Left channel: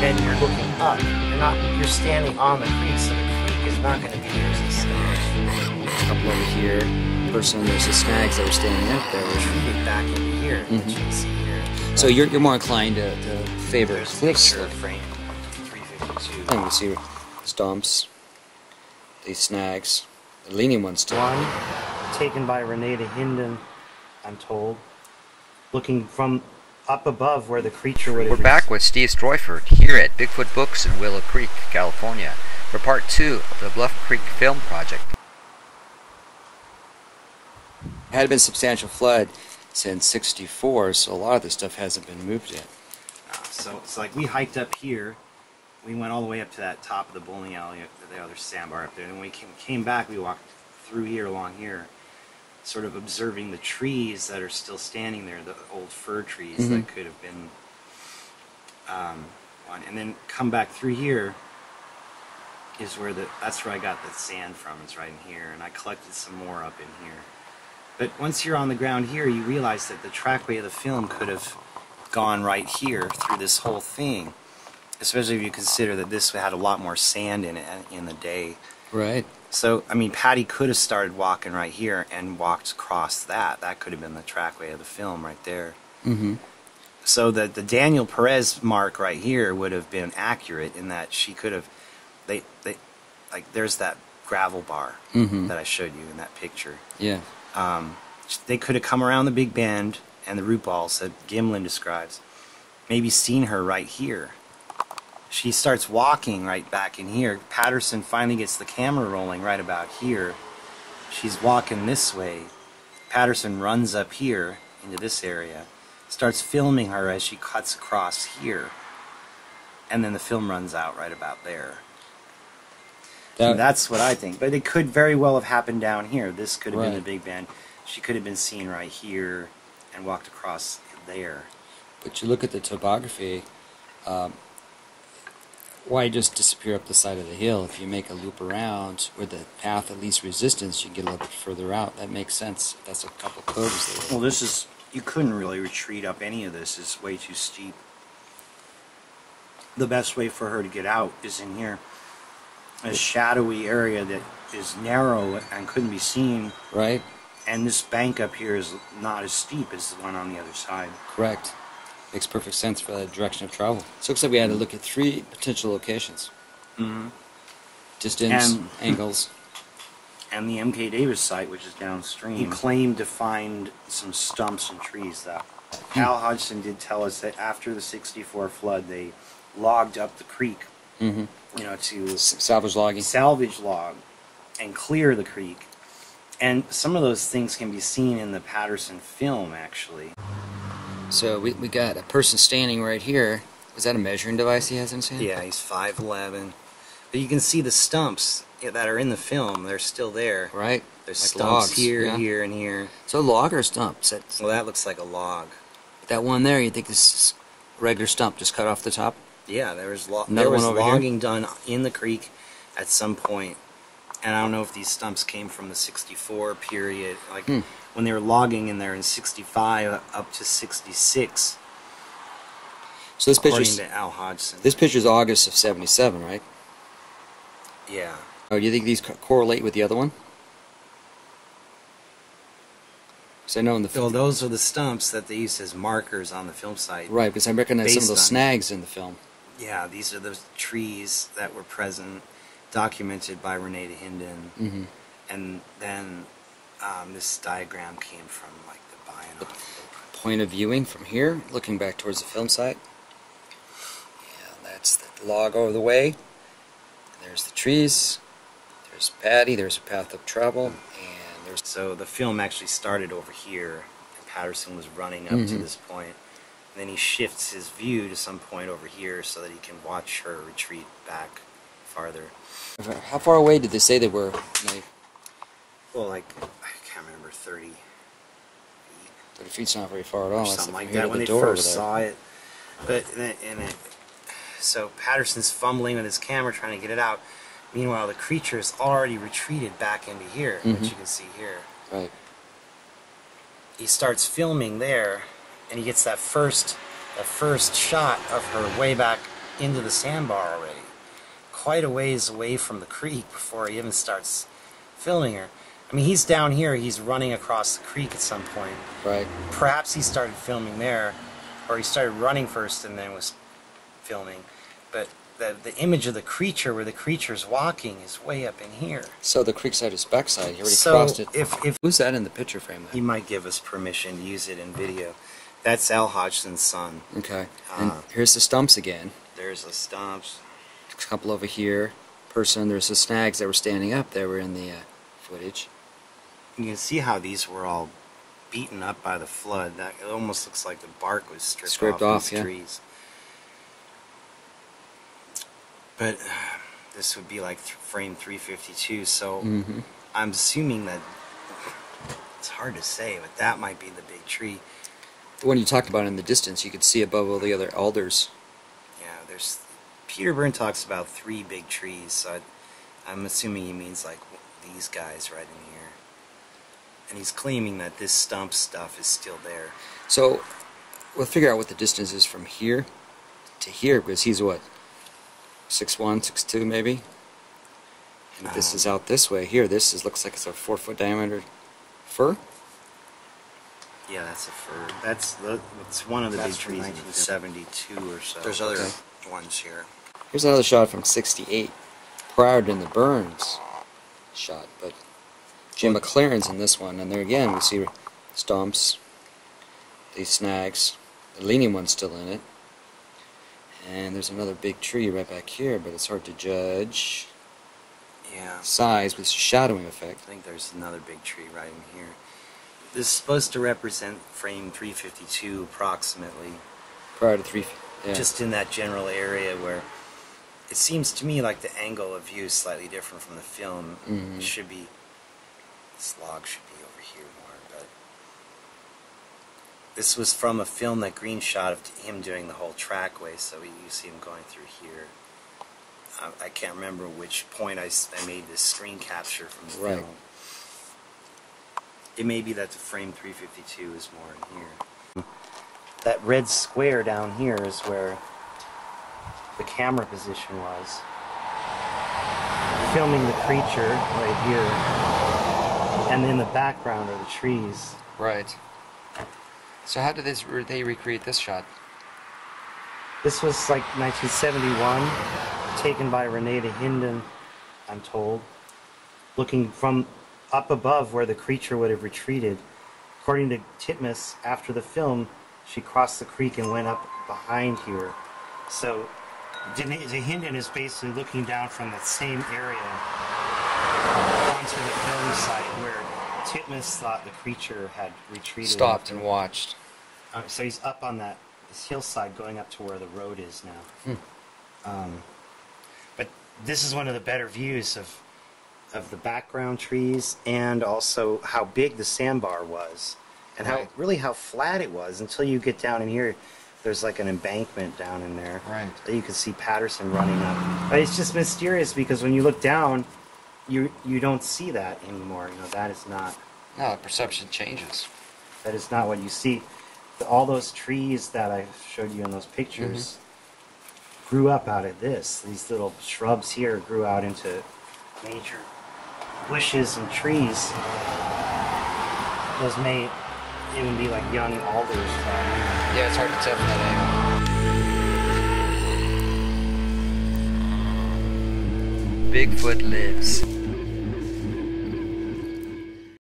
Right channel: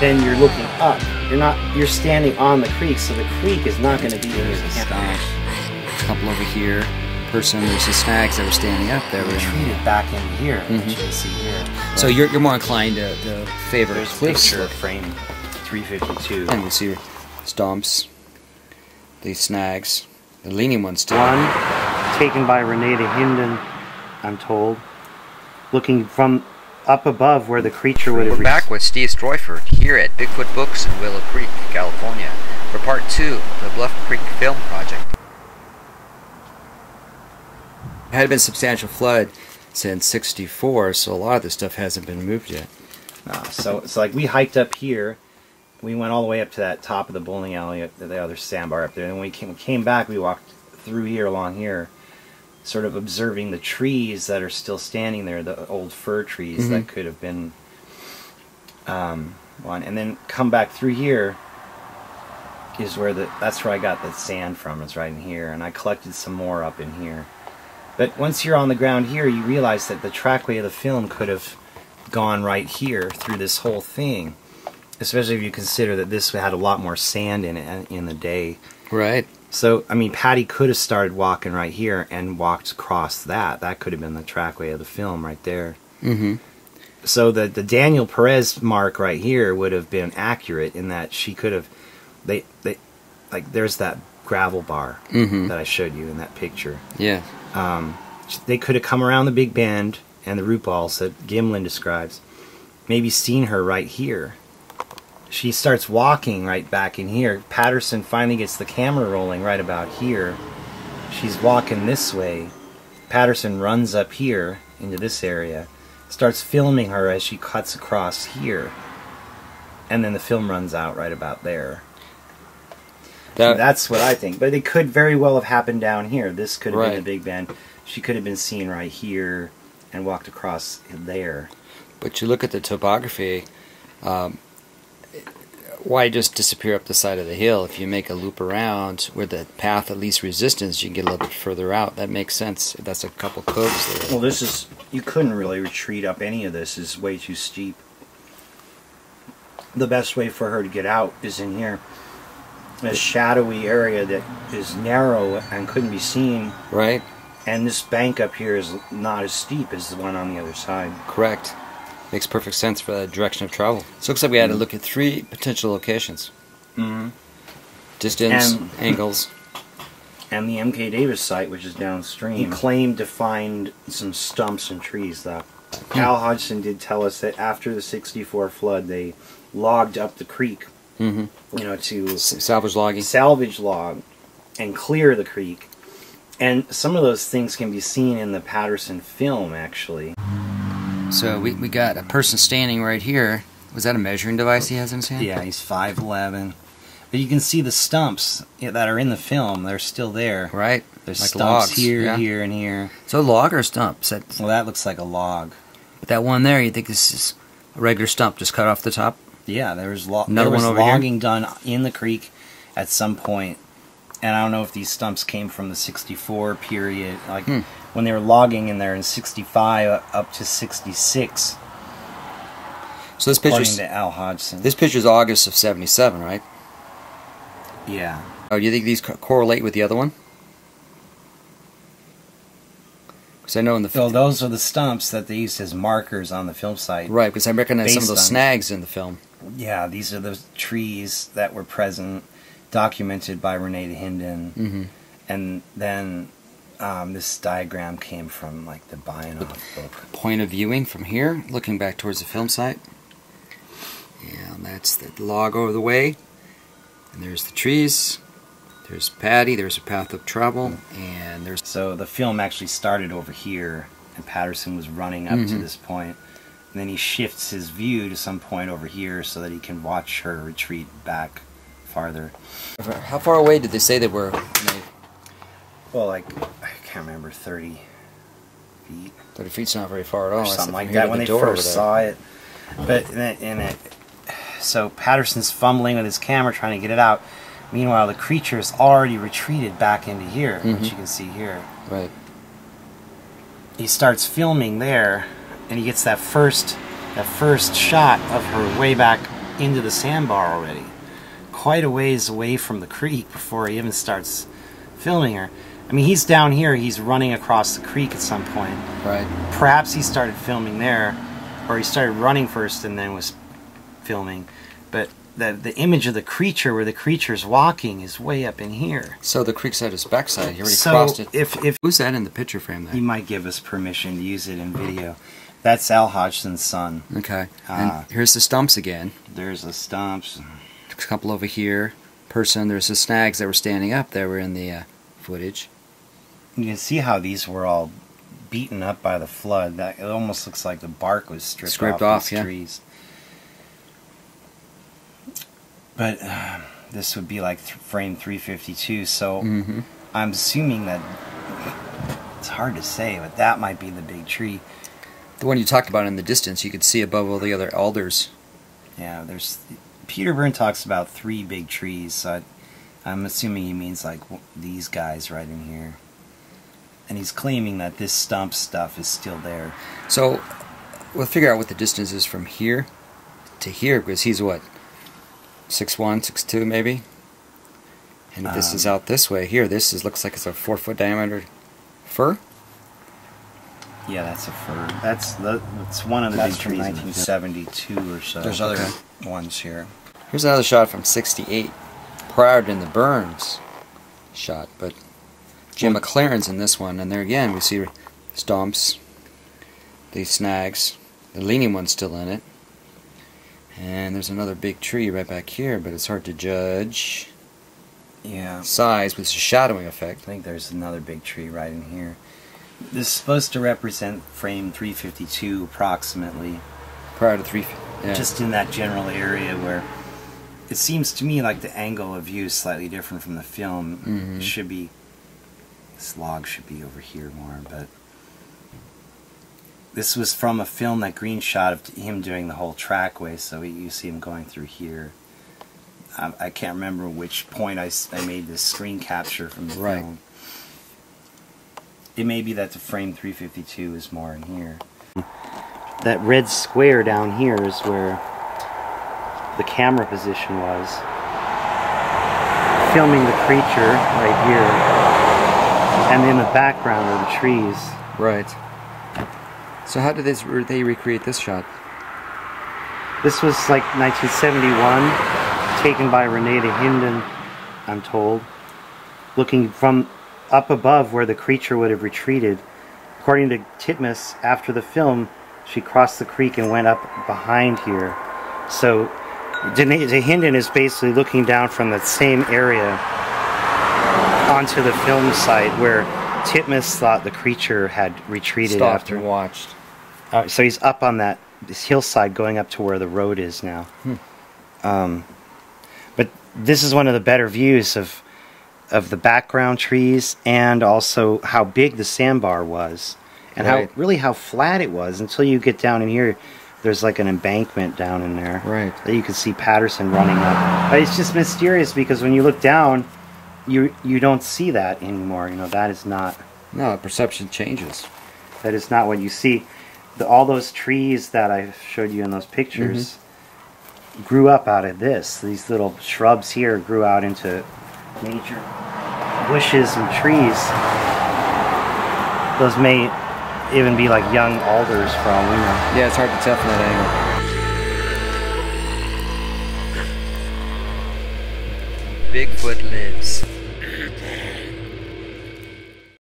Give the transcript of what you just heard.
then you're looking up. You're standing on the creek, so the creek is not going to be in your camera. A couple over here. Person, there's the snags that are standing up there. Retreated back in here, which you can see here. So you're more inclined to favor. There's a picture of frame 352. And you see stumps, the snags, the leaning ones too. One taken by Renee Hinden, I'm told, looking from up above where the creature would have We're back with Steve Streufert here at Bigfoot Books in Willow Creek, California, for part 2 of the Bluff Creek Film Project. There had been substantial flood since '64, so a lot of this stuff hasn't been moved yet. So it's like we hiked up here. We went all the way up to that top of the bowling alley, up to the other sandbar up there. And when we came back, we walked through here, along here, sort of observing the trees that are still standing there, the old fir trees that could have been one. And then come back through here is where that's where I got the sand from, is right in here. And I collected some more up in here. But once you're on the ground here, you realize that the trackway of the film could have gone right here through this whole thing. Especially if you consider that this had a lot more sand in it in the day. Right. So, I mean, Patty could have started walking right here and walked across that. That could have been the trackway of the film right there. So the Daniel Perez mark right here would have been accurate in that she could have... like, there's that gravel bar that I showed you in that picture. Yeah. They could have come around the big bend and the root balls that Gimlin describes. Maybe seen her right here. She starts walking right back in here. Patterson finally gets the camera rolling right about here. She's walking this way. Patterson runs up here into this area, starts filming her as she cuts across here, and then the film runs out right about there. That's what I think. But it could very well have happened down here. This could have been a big bend. She could have been seen right here and walked across there. But you look at the topography, why just disappear up the side of the hill? If you make a loop around where the path of least resistance, you can get a little bit further out. That makes sense. That's a couple coves there. Well, this is... You couldn't really retreat up any of this. It's way too steep. The best way for her to get out is in here. A shadowy area that is narrow and couldn't be seen. Right. And this bank up here is not as steep as the one on the other side. Correct. Makes perfect sense for that direction of travel. So it looks like we had to look at 3 potential locations. Distance, angles. And the M.K. Davis site, which is downstream. He claimed to find some stumps and trees, though. Al Hodgson did tell us that after the '64 flood, they logged up the creek. You know, to salvage logging. Salvage log and clear the creek. And some of those things can be seen in the Patterson film, actually. So we got a person standing right here. Was that a measuring device he has in his hand? Yeah, he's 5'11". But you can see the stumps that are in the film. They're still there. Right. There's like stumps logs. here, here, and here. So a log or a stump? Well, that looks like a log. But that one there, you think this is a regular stump just cut off the top? Yeah, there was logging done in the creek at some point. And I don't know if these stumps came from the '64 period, like when they were logging in there in '65 up to '66. So this according to Al Hodgson. This picture's August of '77, right? Yeah. Oh, do you think these correlate with the other one? Because I know in the well, those are the stumps that they used as markers on the film site. Right, because I recognize some of those snags in the film. Yeah, these are the trees that were present, documented by Renee Hinden, and then this diagram came from like the Bionoff book. Point of viewing from here, looking back towards the film site, and that's the log over the way. And there's the trees. There's Patty. There's a path of travel, and there's. So the film actually started over here, and Patterson was running up to this point. And then he shifts his view to some point over here so that he can watch her retreat back farther. How far away did they say they were? Well, like, I can't remember, 30 feet. 30 feet's not very far at all. Or something like that when they first saw it. But so Patterson's fumbling with his camera trying to get it out. Meanwhile, the creature has already retreated back into here, which you can see here. Right. He starts filming there, and he gets that first shot of her way back into the sandbar already. Quite a ways away from the creek before he even starts filming her. I mean, he's down here, he's running across the creek at some point. Right. Perhaps he started filming there, or he started running first and then was filming. But the image of the creature, where the creature's walking, is way up in here. So the creek's at his backside. He already So crossed it. if Who's that in the picture frame there? he might give us permission to use it in video. That's Al Hodgson's son. Okay. And here's the stumps again. There's the stumps. A couple over here. There's the snags that were standing up that were in the footage. You can see how these were all beaten up by the flood. That it almost looks like the bark was stripped off these trees. But this would be like frame 352, so I'm assuming that it's hard to say, but that might be the big tree. The one you talked about in the distance, you could see above all the other alders. Yeah, there's Peter Byrne talks about 3 big trees, so I'm assuming he means like these guys right in here. And he's claiming that this stump stuff is still there. So we'll figure out what the distance is from here to here, because he's what, 6'1", 6'2", maybe? And if this is out this way here, looks like it's a 4-foot diameter fir? Yeah, that's a fir. It's one of the big trees, 1972 or so. There's other ones here. Here's another shot from '68, prior to the Burns shot, but Jim McLaren's in this one, and there again we see stumps, the snags, the leaning one's still in it, and there's another big tree right back here, but it's hard to judge. Yeah. Size, but it's a shadowing effect. I think there's another big tree right in here. This is supposed to represent frame 352 approximately. Prior to 350. Yeah. Just in that general area where it seems to me like the angle of view is slightly different from the film. It should be, this log should be over here more, but this was from a film that Green shot of him doing the whole trackway, so you see him going through here. I can't remember which point I made this screen capture from the film. It may be that the frame 352 is more in here. That red square down here is where the camera position was. Filming the creature right here. And in the background are the trees. Right. So how did they recreate this shot? This was like 1971, taken by Renata Hinden, I'm told. Looking from up above where the creature would have retreated. According to Titmus, after the film, she crossed the creek and went up behind here. So Renata Hinden is basically looking down from that same area onto the film site where Titmus thought the creature had retreated. Stopped and watched. So he's up on this hillside going up to where the road is now. But this is one of the better views of the background trees, and also how big the sandbar was, and how flat it was until you get down in here. There's like an embankment down in there. Right. That you can see Patterson running up. But it's just mysterious because when you look down, you don't see that anymore. You know, that is not. No, perception changes. That is not what you see. All those trees that I showed you in those pictures grew up out of this. These little shrubs here grew out into major bushes and trees. Those may even be like young alders for all we know. Yeah, it's hard to tell from that angle. Bigfoot lives.